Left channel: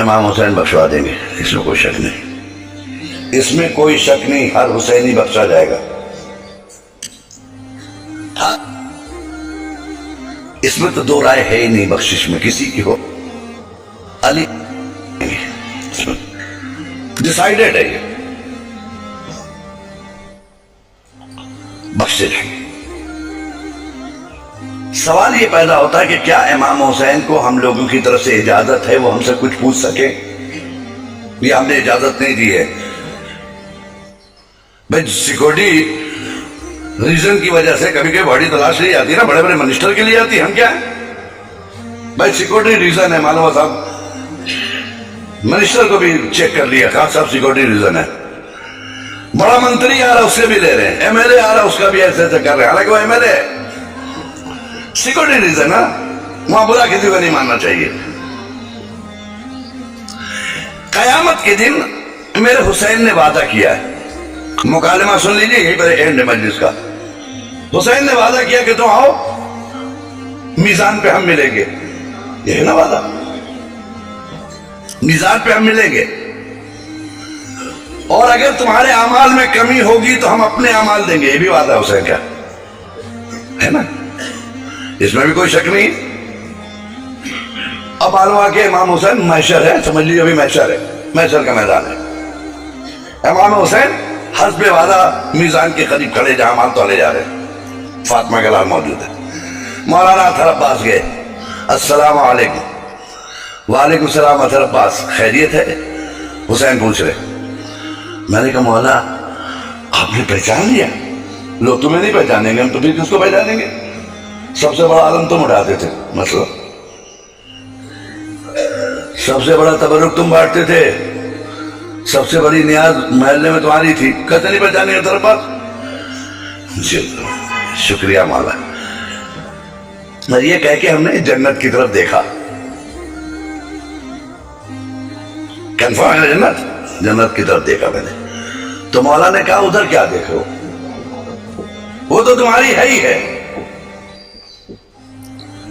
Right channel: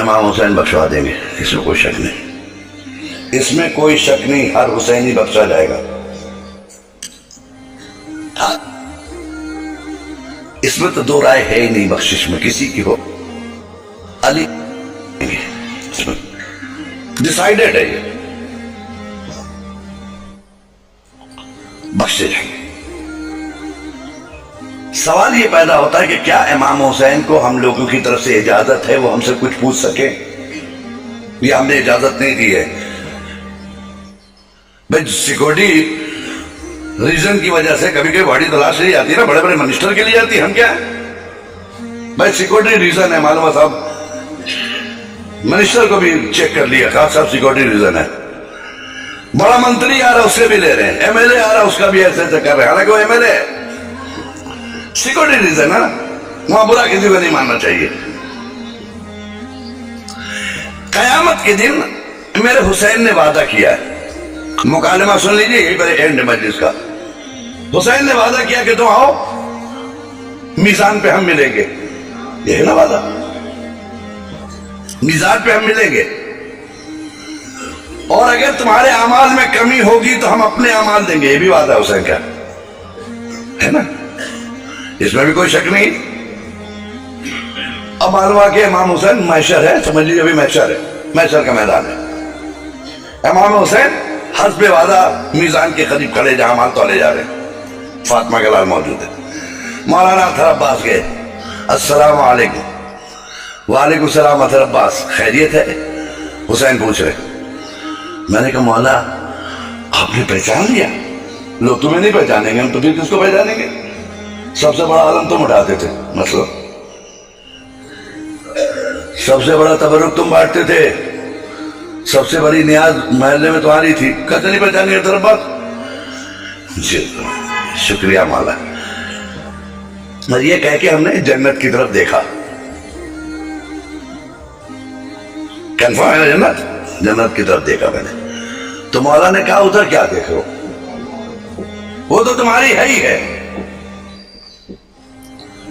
امام حسین بخشوا دیں گے، اس میں کوئی شک نہیں، اس میں کوئی شک نہیں، ہر حسینی بخشا جائے گا۔ اس میں تو دو رائے ہے ہی نہیں، بخشش میں کسی کی ہو علی ڈیسائیڈڈ ہے، یہ بخشے جائیں گے۔ سوال یہ پیدا ہوتا ہے کہ کیا امام حسین کو ہم لوگوں کی طرف سے اجازت ہے وہ ہم سے کچھ پوچھ سکیں؟ یہ ہم نے اجازت نہیں دی ہے بھائی، سیکورٹی ریزن کی وجہ سے کبھی کبھی بڑی تلاش نہیں آتی نا، بڑے بڑے منسٹر کے لیے آتی، ہم کیا ہیں بھائی، سیکورٹی ریزن ہے، معلوم ہے صاحب منسٹر کو بھی چیک کر لیا، کہا صاحب سیکورٹی ریزن ہے، بڑا منتری آ رہا اس سے بھی لے رہے ہیں، ایم ایل اے آ رہا اس کا بھی ایسے ایسے کر رہے ہیں، حالانکہ وہ M L A security reason ہے، وہاں برا کسی کو نہیں ماننا چاہیے۔ قیامت کے دن میرے حسین نے وعدہ کیا ہے، مکالمہ سن لیجئے، یہی پر اینڈ مجلس کا، حسین نے وعدہ کیا کہ تم آؤ میزان پہ ہم ملیں گے، یہ ہے نا وعدہ، میزان پہ ہم ملیں گے، اور اگر تمہارے اعمال میں کمی ہوگی تو ہم اپنے اعمال دیں گے، یہ بھی وعدہ ہے حسین کا، ہے نا، اس میں بھی کوئی شک نہیں۔ اب معلوم ہوا کہ امام حسین محشر ہے، سمجھ لیجیے ابھی محشر ہے، محشر کا میدان ہے، امام حسین حسب وعدہ میزان کے قریب کھڑے جہاں مال تولے جا رہے ہیں، فاطمہ کا لال موجود ہے، مولانا اطہر عباس گئے، السلام علیکم، وعلیکم السلام اطہر عباس، خیریت ہے؟ حسین پوچھ رہے، میں نے کہا مولا آپ نے پہچان لیا؟ لوگ تمہیں نہیں پہچانیں گے، ہم تو پھر کس کو پہچانیں گے، سب سے بڑا عالم تم اٹھاتے تھے، مسئلہ سب سے بڑا تبرک تم بانٹتے تھے، سب سے بڑی نیاز محلے میں تمہاری تھی، کہتے نہیں پہچانیں گے اطہر عباس؟ شکریہ مولا۔ اور یہ کہہ کے ہم نے جنت کی طرف دیکھا، کنفرم ہے نا جنت، جنت کی طرف دیکھا میں نے، تو مولا نے کہا ادھر کیا دیکھ رہے ہو، وہ تو تمہاری ہے ہی ہے،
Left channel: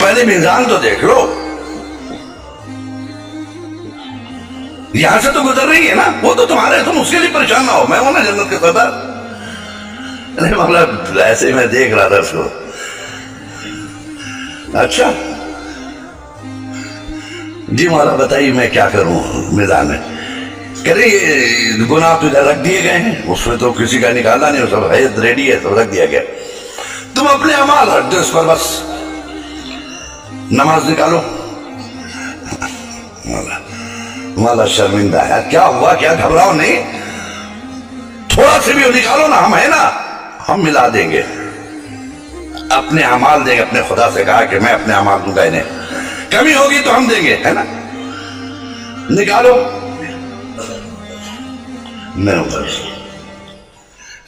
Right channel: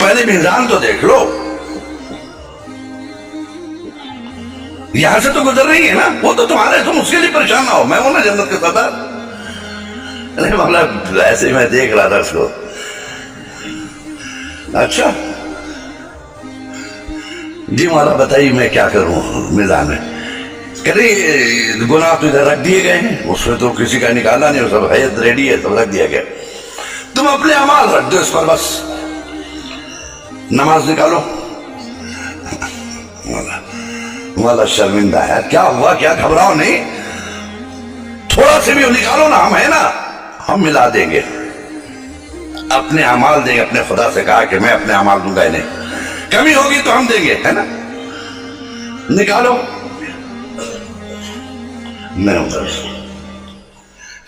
پہلے میزان تو دیکھ لو، یہاں سے تو گزر رہی ہے نا، وہ تو تمہارے، تم اس کے لیے پریشان نہ ہو، میں ہوں نا جنت کے صدر۔ نہیں مولا ایسے ہی میں دیکھ رہا تھا اس کو، اچھا جی مولا بتائیے میں کیا کروں میدان میں؟ کہہ رہے یہ گناہ تو ادھر رکھ دیے گئے ہیں، اس میں تو کسی کا نکالنا نہیں، وہ سب حیت ریڈی ہے، سب رکھ دیا گیا، تم اپنے اعمال رکھ دو اس پر، بس نماز نکالو۔ مولا شرمندہ ہے، کیا ہوا، کیا گھبراؤ نہیں، تھوڑا سے بھی نکالو نا، ہم ہیں نا، ہم ملا دیں گے، اپنے اعمال دیں گے، اپنے خدا سے کہا کہ میں اپنے اعمال دوں گا انہیں، کمی ہوگی تو ہم دیں گے، ہے نا، نکالو۔ میں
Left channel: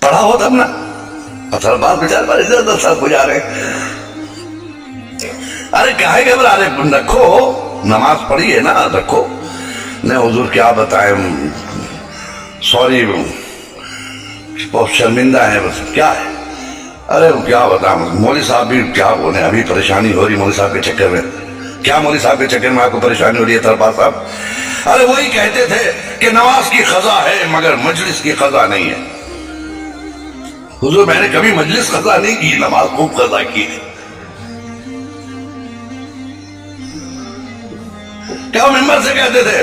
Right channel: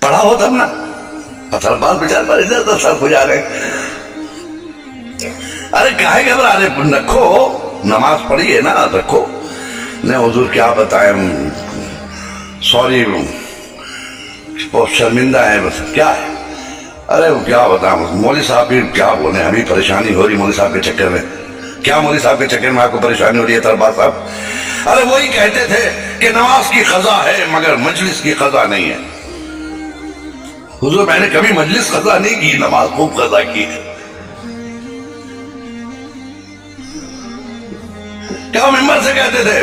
پڑھا ہو تب نا، اطہر عباس بیچارے پر ادھر ادھر سر کھجا رہے، ارے کاہے گھبرا رہے، رکھو، نماز پڑھی ہے نا، رکھو۔ نہیں حضور کیا بتائیں، سوری بہت شرمندہ ہے، بس کیا ہے، ارے کیا بتائیں، مولوی صاحب بھی کیا بولیں، ابھی پریشانی ہو رہی مولوی صاحب کے چکر میں، کیا مولوی صاحب کے چکر میں آپ کو پریشانی ہو رہی ہے اطہر عباس صاحب؟ ارے وہی کہتے تھے کہ نماز کی قضا ہے مگر مجلس کی قضا نہیں ہے۔ حضور میں نے کبھی مجلس قضا نہیں کی، نماز خوب قضا کی ہے۔ کیا ممبر سے کہتے تھے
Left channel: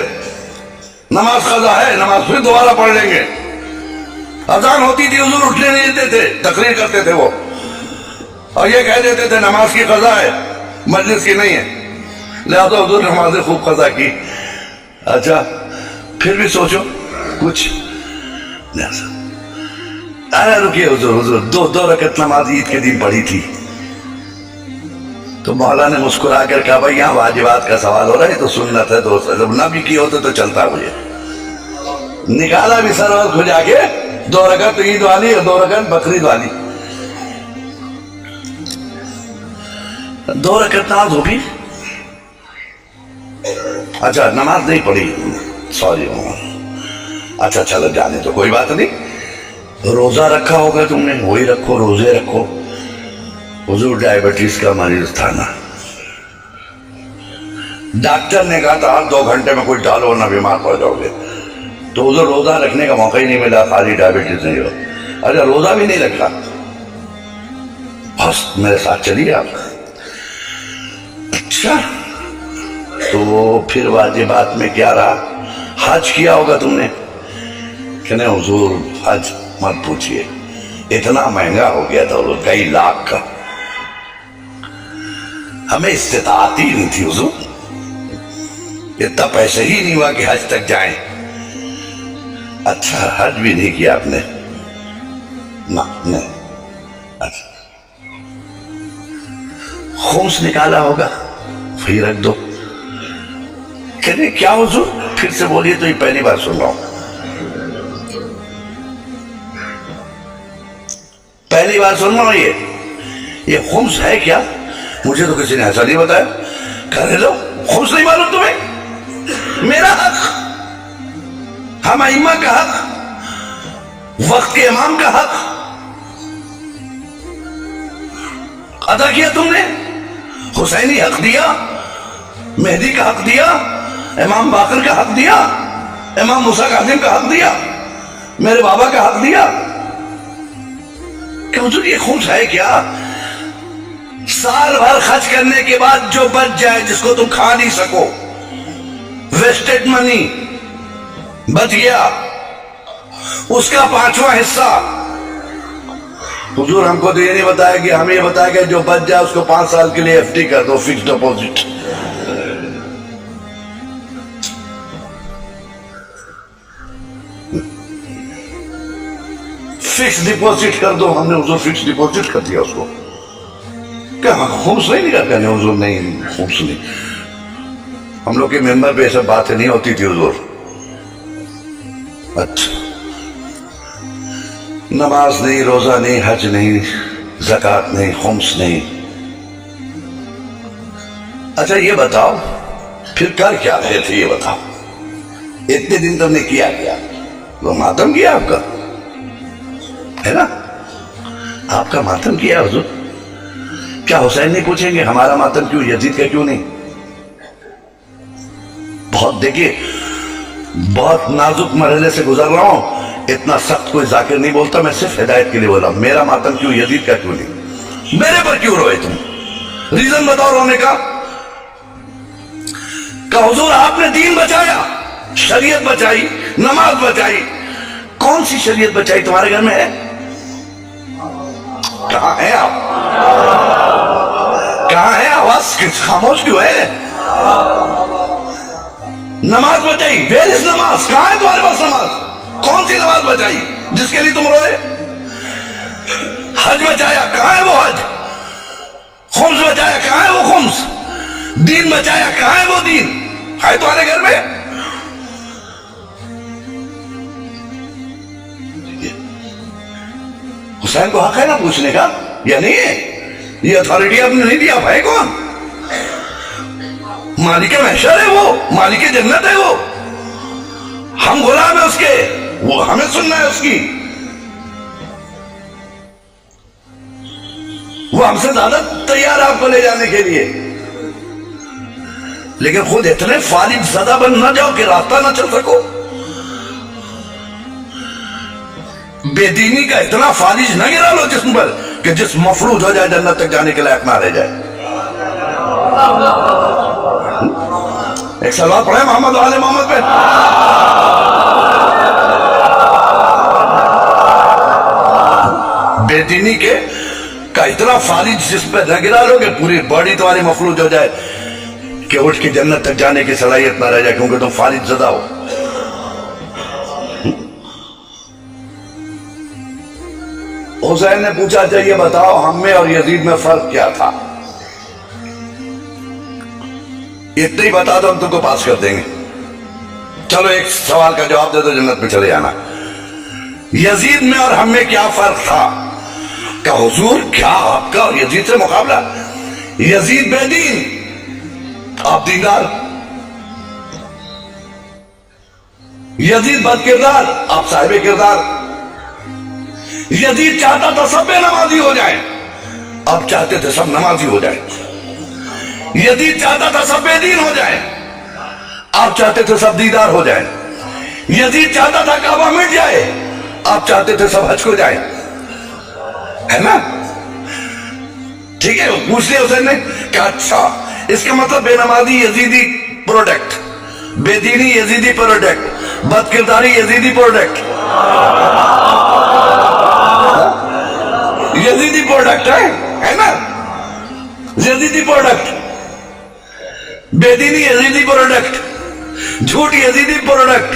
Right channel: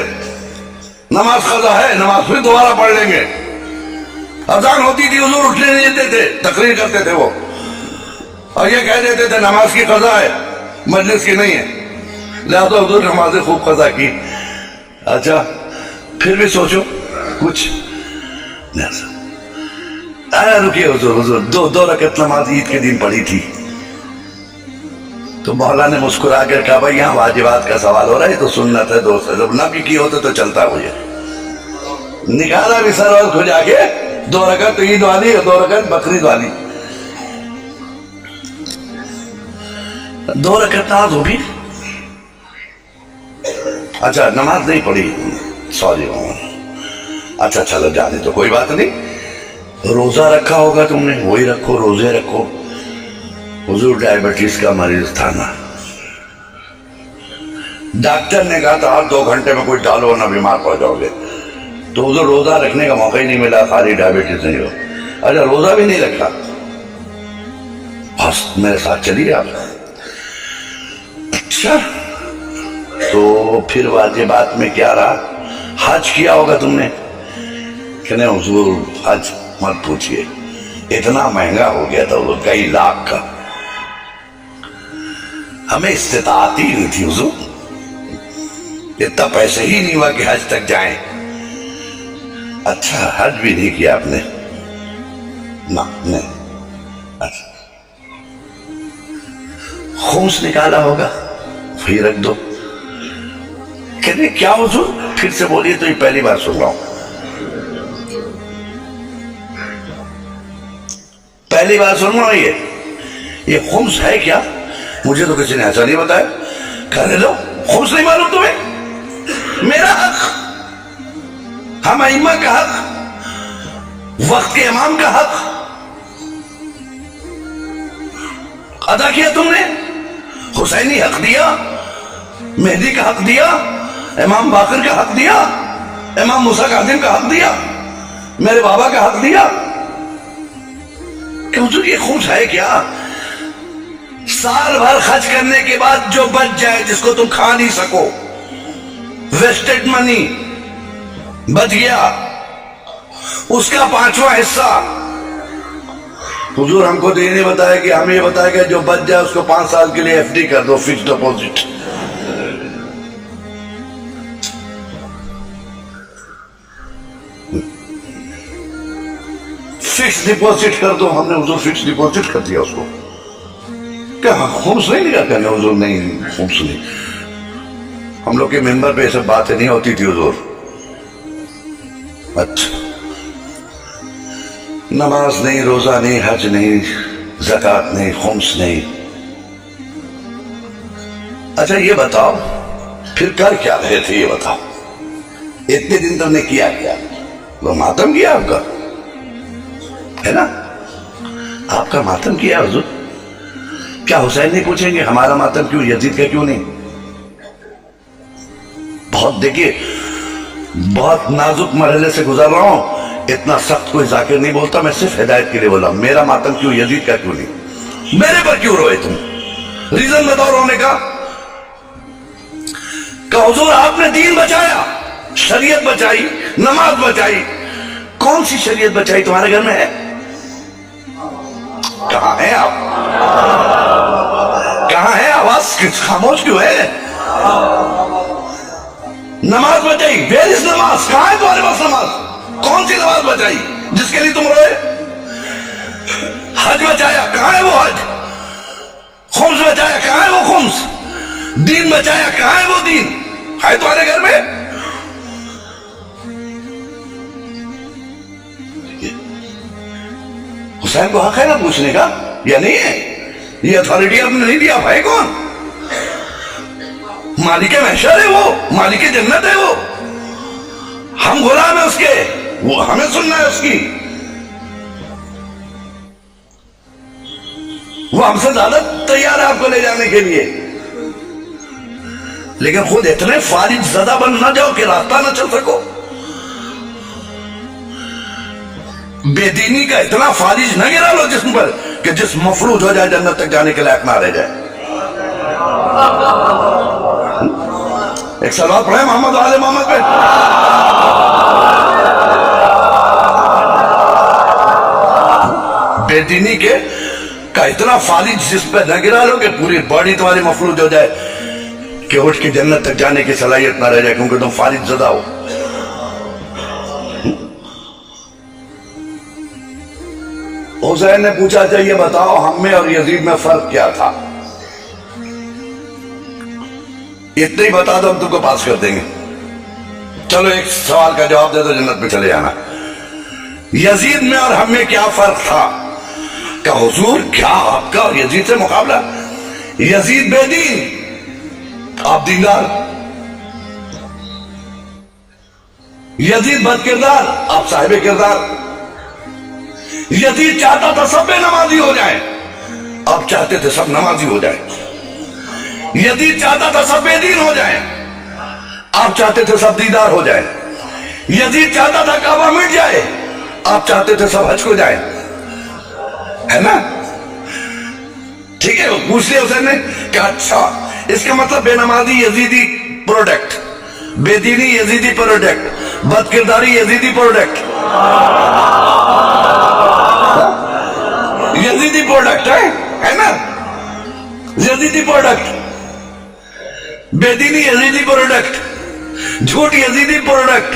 نماز قضا ہے، نماز پھر دوبارہ پڑھ لیں گے، اذان ہوتی تھی حضور اٹھنے نہیں دیتے تھے، تقریر کرتے تھے وہ، اور یہ کہہ دیتے تھے نماز کی قضا ہے مجلس کی نہیں ہے، لہذا حضور نمازیں خوب قضا کی۔ اچھا پھر بھی سوچو کچھ، رکیے حضور دو رکعت نماز عید کے دن پڑھی تھی، تو مولا نے مسکرا کر کہا بھائی یہاں واجبات کا سوال ہو رہا ہے تو سنت ہے، دوست جب نہ بھی کی ہوتے تو چلتا مجھے، نکالا بھی سر اور کھجا کے، 2 رکعت عید والی اور 2 رکعت بقرعید والی، 2 رکعت نماز ہوگی۔ اچھا نماز نہیں پڑھی، سوری، اچھا چلو جانے تو کوئی بات نہیں، روزہ رکھا ہوگا تم نے، وہی رکھو، روزے رکھو، حضور ڈائبٹیز کا مریض تھا نا، ڈاکٹر نے کہا تھا 2 گھنٹے میں کچھ ڈالو ورنہ بیمار پڑ جاؤ گے، تو ادھر روزہ رکھنے کا موقع ہی نہیں ملا، خالی ڈائبٹیز نہیں ہو۔ اچھا روزہ بھی نہیں رکھا، بس میرے ساتھ چلیے آپ۔ اچھا تو پھر واجبات میں کیا رہا؟ حج کیا ہوگا تم نے کہ نہیں؟ حضور حج مت پوچھئے، اتنا مہنگا ہو گیا تھا حضور، کئی لاکھ کا، ہمیں استطاعت ہی نہیں تھی حضور، اتنا پیسے ہی نہیں ہوا کہ حج تک جائیں۔ اچھا حج بھی نہیں کیا آپ نے؟ نہ نہیں۔ اچھا خمس نکالا ہوگا، وہی رکھ دو۔ کہنے کیا حضور؟ پھر سے بولیے، تو یہ پہلی بار سن رہا ہوں، پہلی بار سن رہا ہوں۔ یہ خمس ہے کیا؟ مجھے تو کسی نے ایسا نہیں بتایا۔ کہنے لو خمس نہیں معلوم تمہیں؟ میرا حق، ہم ائمہ کا حق، وقت کے امام کا حق ادا کیا تم نے۔ حسینی حق دیا، مہدی کا حق دیا، امام باقر کا حق دیا، امام موسیٰ کاظم کا حق دیا، میرے بابا کا حق دیا۔ کہ حضور یہ خمس ہے کیا؟ سال بھر خرچ کرنے کے بعد جو بچ جائے، جس کو تم کھا نہیں سکو، ویسٹڈ منی بچ گیا، اس کا 5واں حصہ۔ حضور ہم کو تو یہ نہیں بتایا کہ ہمیں یہ بتایا کہ جو بچ جائے اس کو 5 سال کے لیے ایف ڈی کر دو، فکس ڈپوزٹ۔ فکس ڈپوزٹ کر دو، ہم نے حضور فکس ڈپوزٹ کر دیا اس کو۔ کہ خمس نہیں نکال؟ کہنے حضور نہیں خمس نہیں، ہم لوگ کے ممبر پہ یہ سب باتیں نہیں ہوتی تھی حضور۔ اچھا نماز نہیں، روزہ نہیں، حج نہیں، زکوٰۃ نہیں، خمس نہیں۔ اچھا یہ بتاؤ پھر کر کیا رہے تھے؟ یہ بتاؤ اتنے دن تم نے کیا کیا؟ وہ ماتم کیا آپ کا ہے نا؟ آپ کا ماتم کیا حضور۔ کیا حسین نہیں پوچھیں گے ہمارا ماتم کیوں، یزید کا کیوں نہیں؟ بہت دیکھیے، بہت نازک مرحلے سے گزر رہا ہوں، اتنا سخت کوئی ذاکر نہیں بولتا، میں صرف ہدایت کے لیے بولا۔ میرا ماتم کیوں، یزید کا کیوں نہیں؟ میرے پر کیوں روئے تم؟ ریزن بتاؤ رونے کا۔ کہ حضور آپ نے دین بچایا، شریعت بچائی، نماز بچائی۔ کون سی شریعت بچائی تمہارے گھر میں ہے؟ کہاں ہیں آپ؟ کہاں ہے؟ آواز خاموش کیوں ہے؟ نماز بچائی، ویئر از نماز؟ کہاں ہے تمہارے پاس نماز؟ کون سی نماز بچائی جس کے لیے تم روئے؟ حج بچایا، کہاں ہے وہ حج؟ خمس بچایا، کہاں ہے وہ خمس؟ دین بچایا، کہاں ہے وہ دین؟ ہے تمہارے گھر میں؟ حسین کو حق ہے نا پوچھنے کا، یا نہیں ہے؟ یہ اتھارٹی آپ نے نہیں دیا، آپ ہے کون؟ مالک محشر ہے وہ، مالک جنت ہے وہ، ہم غلام ہیں اس کے، وہ ہمیں سننا ہے اس کی۔ وہ ہم سے زیادہ تیار ہے آپ کو لے جانے کے لیے، لیکن خود اتنے فالج زدہ بن نہ جاؤ کہ راستہ نہ چل سکو۔ بے دینی کا اتنا فالج نہ گرا لو جسم پر کہ جسم مفلوج ہو جائے، جنت تک جانے کے لائق نہ رہ جائے۔ ایک سلوات پڑھیں محمد و آل محمد پہ۔ بے دینی کے کا اتنا فالج جسم پہ نہ گرا لو کہ پوری باڈی تمہاری مفلوج ہو جائے کہ اٹھ کے جنت تک جانے کی صلاحیت نہ رہ جائے، کیونکہ تم فالج زدہ ہو۔ حسین نے پوچھا اچھا یہ بتاؤ ہم میں اور یزید میں فرق کیا تھا؟ اتنا ہی بتا دو ہم تم کو پاس کر دیں گے۔ چلو ایک سوال کا جواب دے دو، جنت میں چلے جانا۔ یزید میں اور ہم میں کیا فرق تھا؟ کہ حضور کیا آپ کا اور یزید سے مقابلہ؟ یزید بے دین، آپ دیندار۔ یزید بد کردار، آپ صاحب کردار۔ یزید چاہتا تھا سب بے نمازی ہو جائیں، آپ چاہتے تھے سب نمازی ہو جائیں۔ یزید چاہتا تھا سب بے دین ہو جائیں، آپ چاہتے تھے سب دیدار ہو جائیں۔ یزید چاہتا تھا کعبہ مٹ جائے، آپ چاہتے تھے سب حج کو جائیں، ہے نا؟ ٹھیک ہے، پوچھ لیا حسین نے کہ اچھا اس کا مطلب بے نمازی یزیدی پروڈکٹ، بے دینی یزیدی پروڈکٹ، بد کرداری یزیدی پروڈکٹ، یزیدی پروڈکٹ ہے نا؟ یزیدی پروڈکٹ، بے دینی یزیدی پروڈکٹ، جھوٹ یزیدی پروڈکٹ،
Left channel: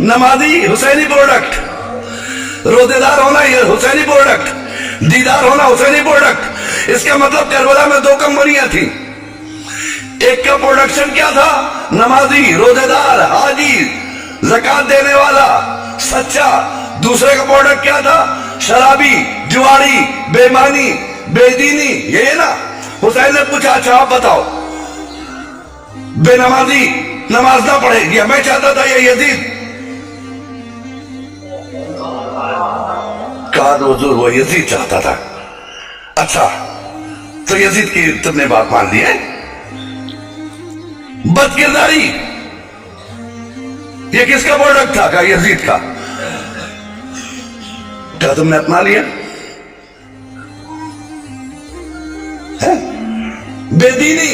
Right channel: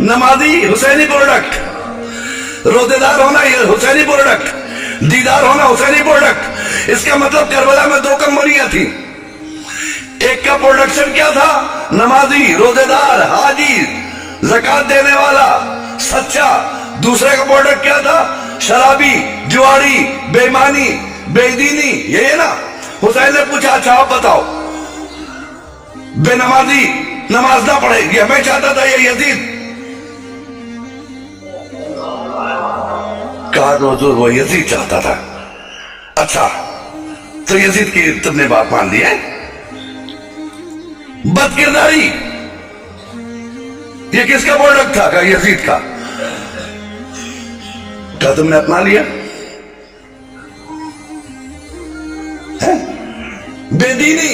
نمازی حسینی پروڈکٹ، روزے دار ہونا یہ حسینی پروڈکٹ، دیدار ہونا حسینی پروڈکٹ۔ اس کا مطلب کربلا میں دو کمپنیاں تھیں، ایک کا پروڈکشن کیا تھا؟ نمازی، روزے دار، حاجی، زکات دینے والا، سچا۔ دوسرے کا پروڈکٹ کیا تھا؟ شرابی، جواری، بے ایمانی، بے دینی۔ یہ ہے نا؟ حسین نے پوچھا اچھا آپ بتاؤ، بے نمازی نماز نہ پڑھے، یہ میں چاہتا تھا یہ یزید؟ کہا تو حضور وہ یزید چاہتا تھا۔ اچھا تو یزید کی تم نے بات مان لی ہے؟ بد کرداری یہ کس کا پروڈکٹ تھا؟ کہا یزید کا۔ کیا تم نے اپنا لیا؟ بے دینی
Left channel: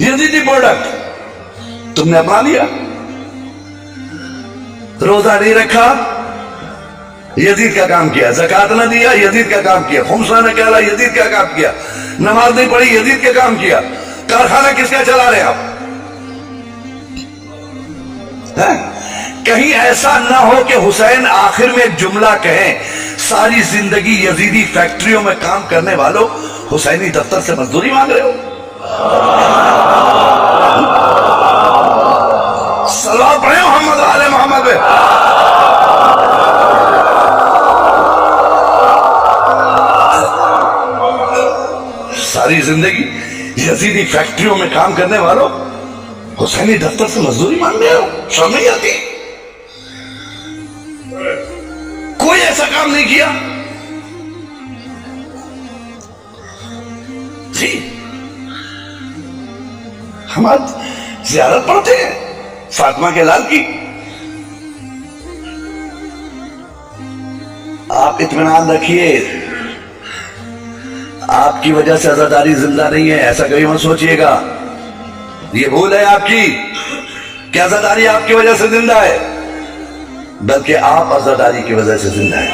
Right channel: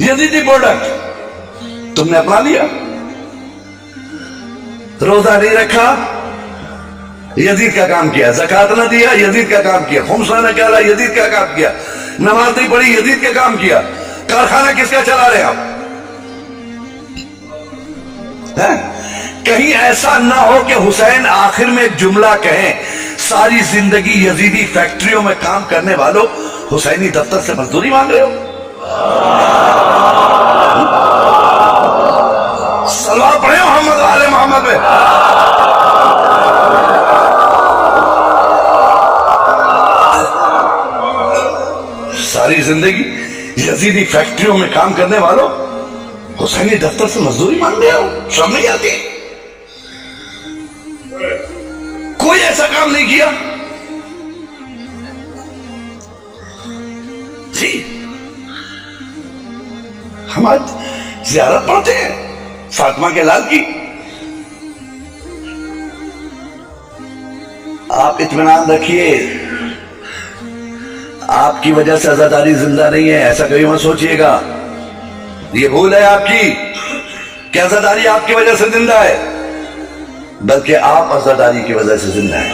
یزیدی پروڈکٹ تم نے اپنا لیا۔ روزہ نہیں رکھا، یزید کا کام کیا۔ زکات نہ دیا، یزید کا کام کیا۔ خمس نہ نکالا، یزید کا کام کیا۔ نماز نہیں پڑھی، یزید کا کام کیا۔ کارخانہ کس کا چلا رہے ہیں آپ؟ کہیں ایسا نہ ہو کہ حسین آخر میں ایک جملہ کہیں، ساری زندگی یزیدی فیکٹریوں میں کام کرنے والوں حسینی دفتر سے مزدوری مانگ رہے ہو؟ صلوات پڑھیں محمد و آل محمد پہ۔ ساری زندگی یزیدی فیکٹریوں میں کام کرنے والوں حسینی دفتر سے مزدوری مانگ رہے ہو؟ شرم نہیں آتی؟ کوئی ایسا کام نہیں کیا جی؟ ہم آج زیارت پڑھتے ہیں فاطمہ کے لال کی۔ آپ اطمینان رکھیے، آپ کی وجہ سے عزاداری زندہ نہیں ہے، ایسا کبھی مت سوچئے گا۔ یہ بھول ہے آپ کی کہ عزاداری آپ کی وجہ سے زندہ ہے، بلکہ آپ عزاداری کی وجہ سے زندہ ہے۔